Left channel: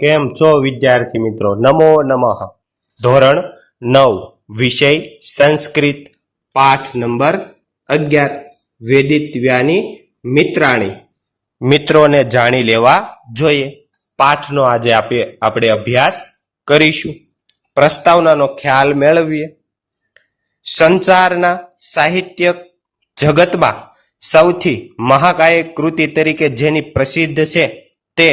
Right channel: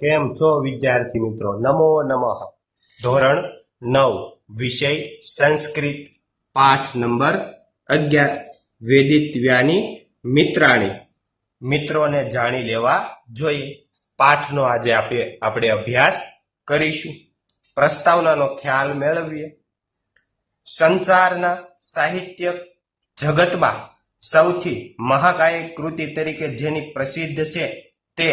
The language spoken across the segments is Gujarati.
કેમ છો વિદ્યાર્થી મિત્રો? નમો નમઃ. ધોરણ 9 વિષય સંસ્કૃત, પાઠ નંબર 11 વેદિત્વ્યાની મિત્રાણી. મિત્રોને જાણી લેવા જોઈએ. પાઠનો આજે આપણે અભ્યાસ કરીશું. પ્રસ્તાવનાનો ખ્યાલ મેળવીએ. સંચારના સાહિત્યક જગતમાં સૌથી મહાકાય કૃતિ તરીકે જેની પ્રસિદ્ધ છે તે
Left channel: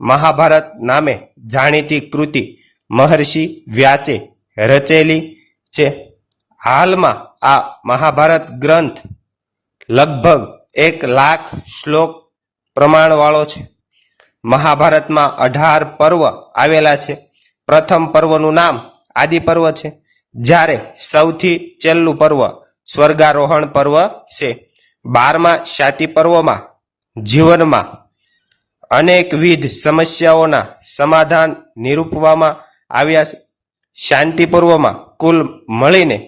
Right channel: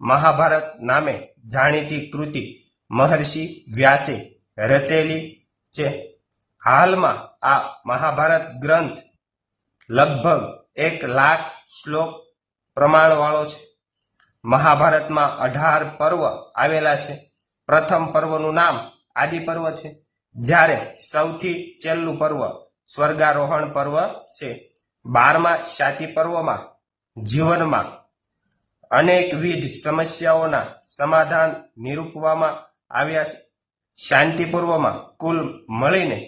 મહાભારત નામે જાણીતી કૃતિ મહર્ષિ વ્યાસે રચેલી છે. હાલમાં આ મહાભારત ગ્રંથ લગભગ 1,00,000 શ્લોક પ્રમાણવાળો છે. મહાભારતમાં 18 પર્વ આવેલા છે. પ્રથમ પર્વનું નામ આદિ પર્વ છે, જ્યારે સૌથી છેલ્લું પર્વ સ્વર્ગારોહણ પર્વ છે. 12મા શાતિ પર્વમાં જીવનમાં અનેકવિધ સમસ્યાઓના સમાધાન નિરૂપવામાં આવ્યા છે. શાંતિ પર્વમાં કુલ મળીને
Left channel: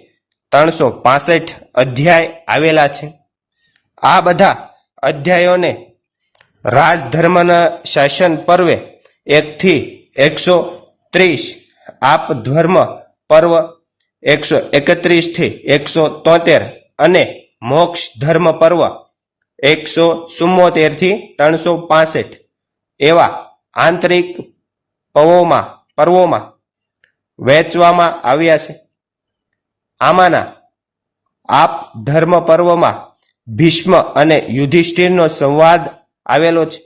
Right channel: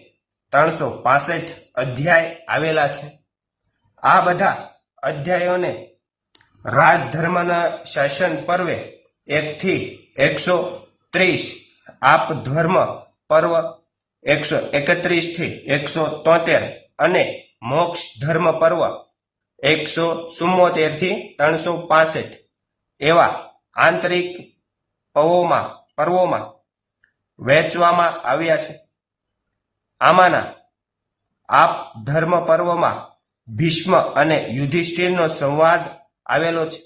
365 અધ્યાય આવેલા છે. આ બધા અધ્યાયોને રાજધર્મના શાસન પર્વે 1 થી 130, આપધર્મ પર્વ 131 થી 173 અને મોક્ષ ધર્મ પર્વ 174 થી 365 એવા આંતરિક પર્વોમાં વહેંચવામાં આવ્યા છે. આમાંના આપ ધર્મ પર્વમાં ભીષ્મ અને યુધિષ્ઠિરનો સંવાદ આવેલો છે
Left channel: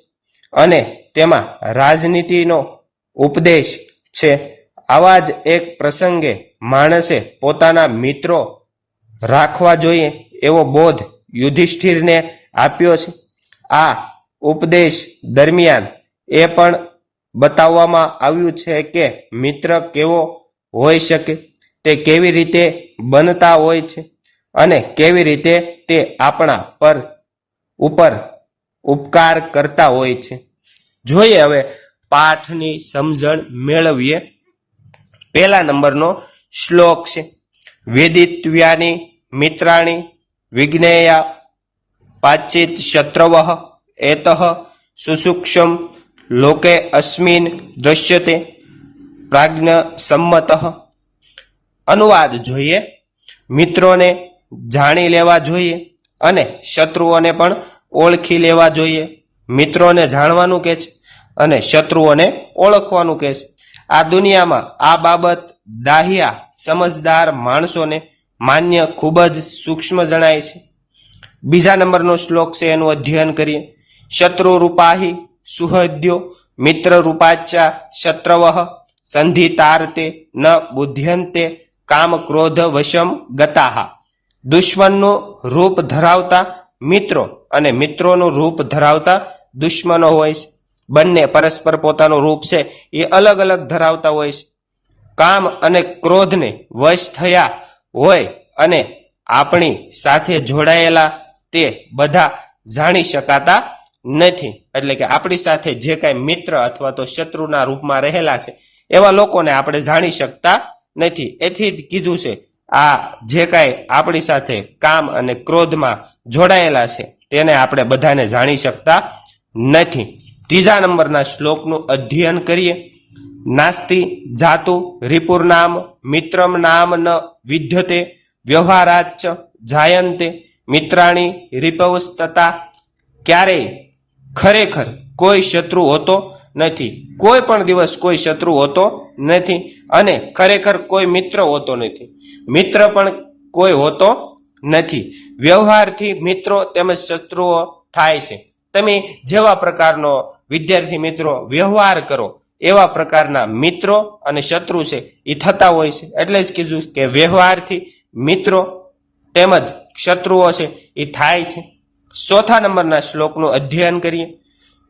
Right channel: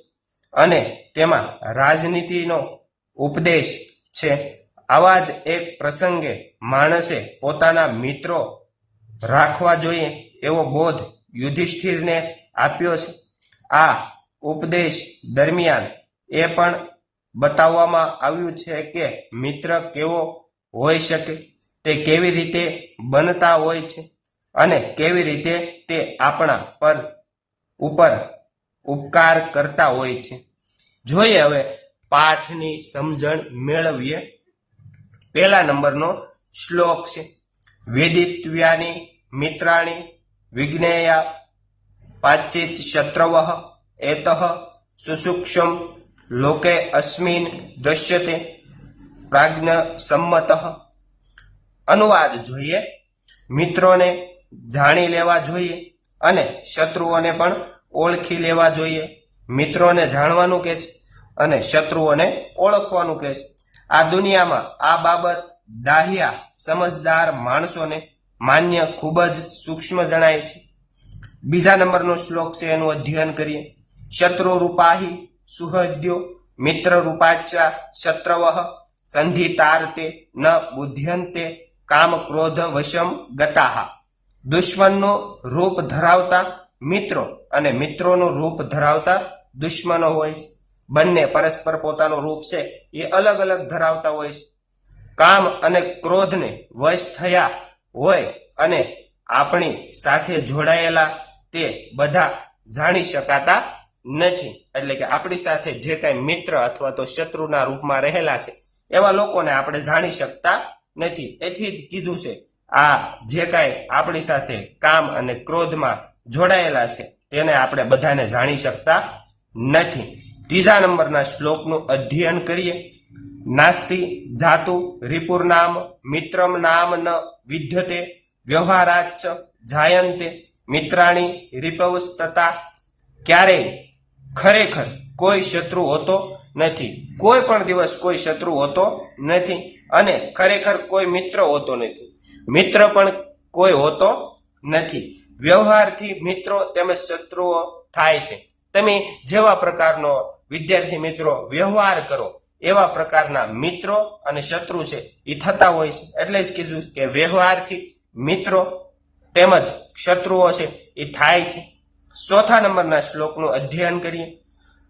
અને તેમાં રાજનીતિનો ઉપદેશ છે. આવા જ એક પ્રસંગે માણસે પોતાના મિત્રો રાખવા જોઈએ એવો બોધ યુધિષ્ઠિરને આપ્યો છે. આ ઉપદેશ દરમિયાન એ પણ બતાવવામાં આવ્યું છે કે મિત્ર કેવો હોઈ શકે, તે કેવી રીતે બનતા હોય છે અને કેવી રીતે તે આપણા ઉપર ઉપકાર કરતા હોય છે. જોઈએ હવે પાઠની સમજણ મેળવીએ. પહેલા નંબરનો શ્લોક છે. વેદિત્વ્યાની મિત્રાણી વિજ્ઞેયા પાચિત શત્રવઃ એતઃ સુસૂક્ષ્મ લોકે અસ્મિન દૃશ્યતે પ્રાજ્ઞ સંમતઃ. અનુવાદ જોઈએ. મિત્રોને જાણી લેવા જોઈએ અને શત્રુઓને પણ ઓળખી લેવા જોઈએ. મિત્રોને જાણવાનું કે છે અને શત્રુઓને ઓળખવાનું કે છે. આ દુનિયામાં આ બાબત દાહિયા સમજદાર માણસોને માન્ય ખૂબ જ સૂક્ષ્મ જણાય છે. બીજા નંબરનો શ્લોક છે, એનું અધ્યયન કરીએ. શત્રુ રૂપાહી સુહદ્યો મિત્ર રૂપાચ્યા શત્રવઃ સંધિતાર્તે ન બુદ્ધ્યંતે કામ ક્રોધ વશમ ગતાહા. દુશ્મનનું રૂપ ધરાવતા મિત્રો અને મિત્રોનું રૂપ ધરાવતા દુશ્મનો હોય છે. બંને પરસ્પર પોતાનું રૂપ છે એ અલગ અલગ ધરાવતા હોય છે. કામ અને ક્રોધને વશ થયા હોય અને આપણી સાથે જોડાયેલા તે બધા જાણી શકાતા નથી. એટલે કે આપણી સાથે જે કાંઈ મિત્ર અથવા તો શત્રુના રૂપમાં રહેલા છે એવા લોકોને આપણે જાણી શકતા નથી. એથી જ કીધું છે આ જે કાંઈ આપણી સાથે કામ અને ક્રોધમાં જોડાયેલા છે તેને આપણે બધાને જાણી શકતા નથી. ત્રીજા નંબરના શ્લોકનું અધ્યયન કરીએ. નાસ્તિ જાતુ રિપુર્નામ મિત્રમ નામ ન વિદ્યતે વ્યવહારાચ જાયંતે મિત્રાણી રિપવસ્તતા. ક્યારેય ખરેખર કોઈ શત્રુ હોતો નથી. કોઈ પણ દિવસ કોઈ શત્રુ હોતો નથી અને ખરેખર કોઈ મિત્ર હોતો નથી. મિત્ર પણ કોઈ હોતો નથી. વ્યવહારથી મિત્રો તેમજ શત્રુઓ થાય છે. તમે જેવા પ્રકારનો વિદ્યાર્થી મિત્રો વ્યવહાર કરો એવા પ્રકારના મિત્રો અને શત્રુ છે એ થતા હોય છે. એટલે જ કીધું કે વ્યવહારથી મિત્રો તેમજ શત્રુઓ છે એ થાય છે. ચોથા નંબરના શ્લોકનું અધ્યયન કરીએ.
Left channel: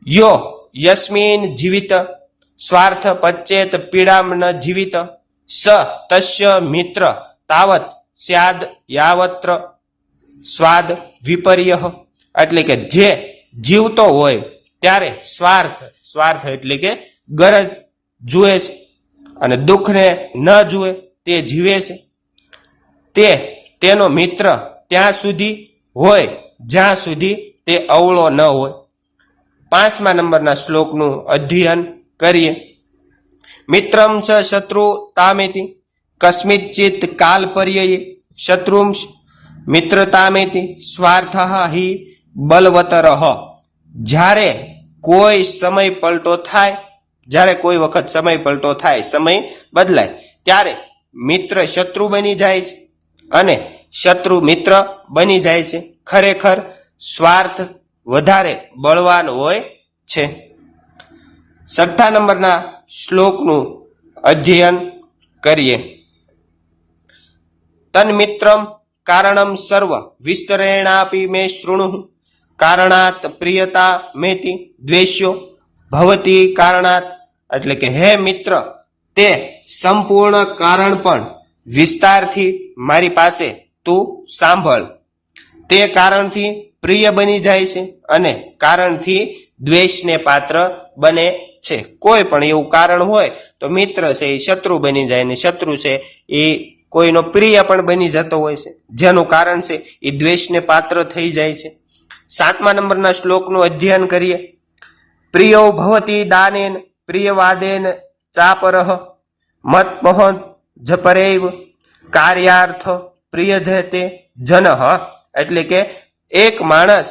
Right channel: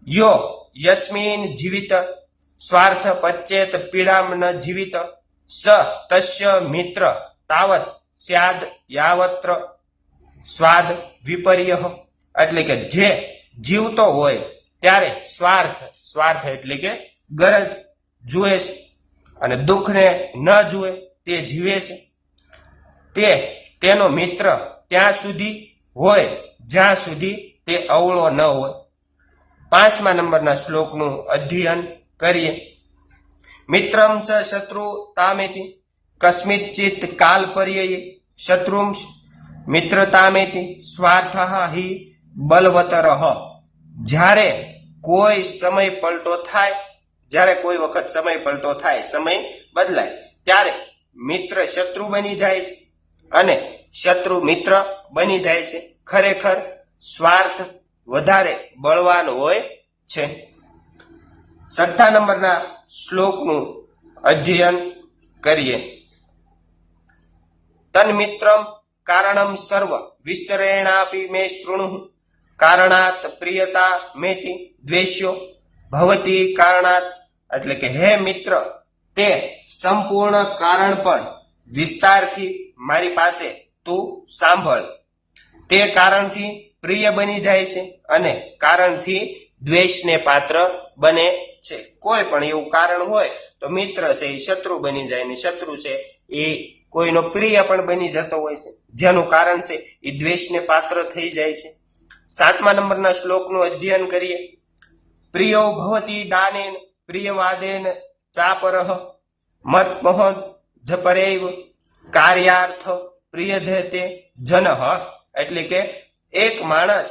યો યસ્મિન જીવિત સ્વાર્થ પચ્ચેત પીડામ ન જીવિત સ તસ્ય મિત્ર તાવત સ્યાદ યાવત્ર સ્વાદ વિપર્ય. એટલે કે જે જીવતો હોય ત્યારે સ્વાર્થ એટલે કે ગરજ જુએ છે અને દુઃખને ન જુએ તે જીવે છે. તેનો મિત્ર ત્યાં સુધી હોય જ્યાં સુધી તે અવળો ન હોય. પાંચમા નંબરના શ્લોકનું અધ્યયન કરીએ. મિત્રમ ચ શત્રુ તામેતિ કસ્મિચ્ચિત કાલ પર્યયે શત્રુંશ મિત્રતામેતિ સ્વાર્થ હિ બલવતરઃ. જ્યારે કોઈ સમય પલટો થાય, જ્યારે કોઈ વખત સમય પલટો થાય, સમય બદલાય, ત્યારે મિત્ર શત્રુ બની જાય છે અને શત્રુ મિત્ર બની જાય છે. ખરેખર સ્વાર્થ વધારે બળવાન હોય છે. 6 નંબરના શ્લોકનું અધ્યયન કરીએ. તન્મિત્રમ કારણમ સર્વ વિસ્તરેણાપી મે શૃણુઃ કારણાત પ્રિયતા મેતિ દ્વેષ્યો ભવતી કારણાત. એટલે કે હે મિત્ર, તે સંપૂર્ણ કારણ પણ વિસ્તારથી મારી પાસે તું સાંભળ. તે કારણથી પ્રિય બની જાય છે અને કારણથી દ્વેષને પાત્ર બને છે. કોઈ પણ એવું કારણ હોય તો મિત્ર છે એ શત્રુ બની જાય, ને શત્રુ છે એ કોઈનો પ્રિય પણ બની જતો હોય છે, જેનું કારણ છે એ દ્વેષને પાત્ર થઈ જાય છે. 7મા નંબરના શ્લોકનું અધ્યયન કરીએ. પ્રિયો ભવતી દાનેન પ્રિયવાદેન ચાપરઃ મતમહ જપરેવ કાર્યાર્થ પ્રિયજતે જનઃ. એટલે કે એક માણસ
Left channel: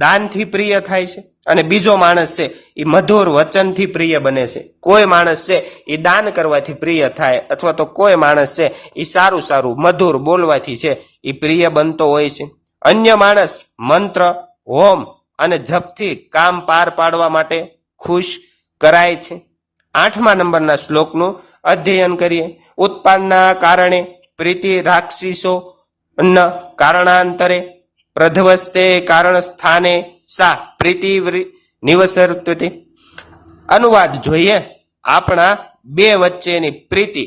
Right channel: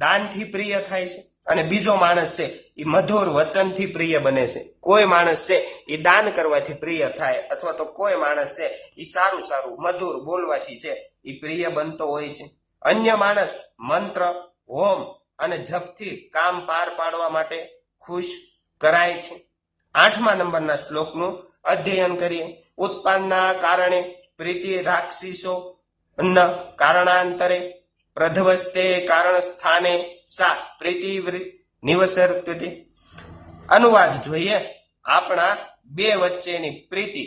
દાનથી પ્રિય થાય છે અને બીજો માણસ છે એ મધુર વચનથી પ્રિય બને છે. કોઈ માણસ છે એ દાન કરવાથી પ્રિય થાય, અથવા તો કોઈ માણસ છે એ સારું સારું મધુર બોલવાથી છે એ પ્રિય બનતો હોય છે. અન્ય માણસ મંત્ર, હોમ અને જપથી કામ પાર પાડવા માટે ખુશ કરાય છે. 8મા નંબરના શ્લોકનું અધ્યયન કરીએ. ઉત્પાદના કારણે પ્રીતિ રાક્ષીસો ન કારણાંતરે પ્રધવસ્તે કારણ સ્થાને સા પ્રીતિ નિવસર્તતે. અનુવાદ જોઈએ. આપણા બે વચ્ચેની પ્રીતિ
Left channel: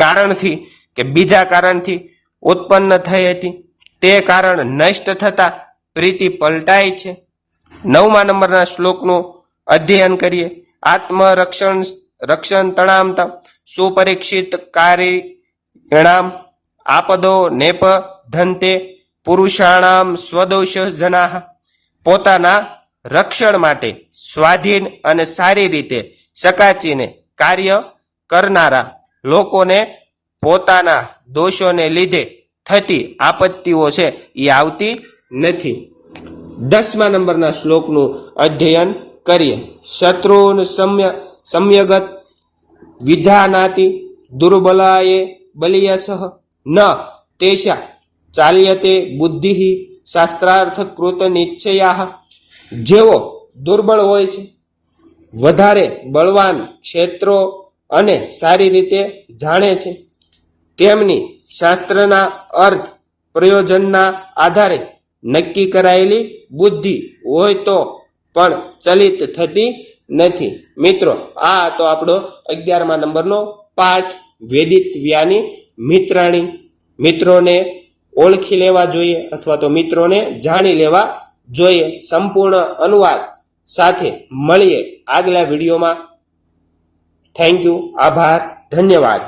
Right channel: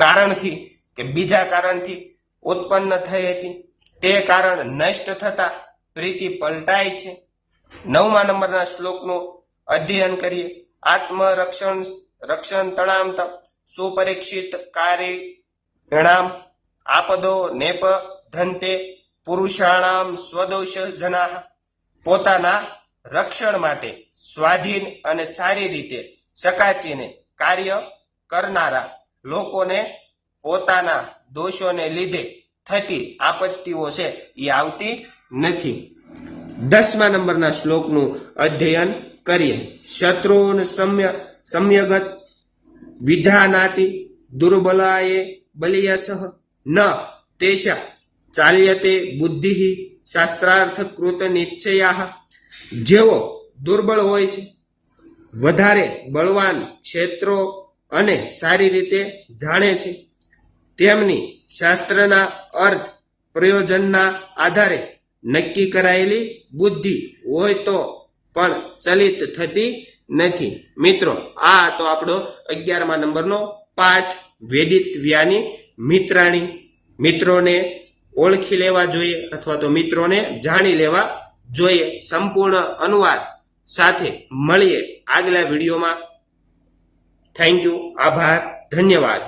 કારણથી કે બીજા કારણથી ઉત્પન્ન થઈ હતી, તે કારણ નષ્ટ થતા પ્રીતિ પલટાય છે. 9મા નંબરના શ્લોકનું અધ્યયન કરીએ. આત્મરક્ષણ તણામ સુપરીક્ષિત કારિણામ આપદો નેપ ધનતે પુરુષાણામ સ્વદોષ જનાહ. પોતાના રક્ષણ માટે સ્વાધીન અને સારી રીતે સકાચીને કાર્ય કરનારા લોકોને પોતાના દોષોને લીધે થતી આપત્તિઓ છે એ આવતી નથી. 10મા નંબરના શ્લોકનું અધ્યયન કરીએ. શત્રુન સમ્યગત વિધાનાતિ દુર્બલાએ બલિયસઃ ન તેષા ચાલ્યતે બુદ્ધિ શાસ્ત્રાર્થ કૃત નિશ્ચયા. જેઓ દુર્બળ હોય છે, વધારે બળવાન ક્ષેત્રો અને સારી રીતે જાણે છે, તેમની શાસ્ત્રના અર્થ પ્રયોજનના આધારે નક્કી કરાયેલી બુદ્ધિ હોય તો પણ ચલિત થતી નથી. મિત્રો, આ તો આપણો 11મા નંબરનો પાઠ વેદિત્વ્યાની મિત્રાણી. મિત્રોને ઓળખી લેવા જોઈએ અથવા તો મિત્રોને જાણી લેવા જોઈએ. સંપૂર્ણ અનુવાદ સાથે મળીએ આગલા વિડીયોમાં. Thank you. આભાર. ધન્યવાદ.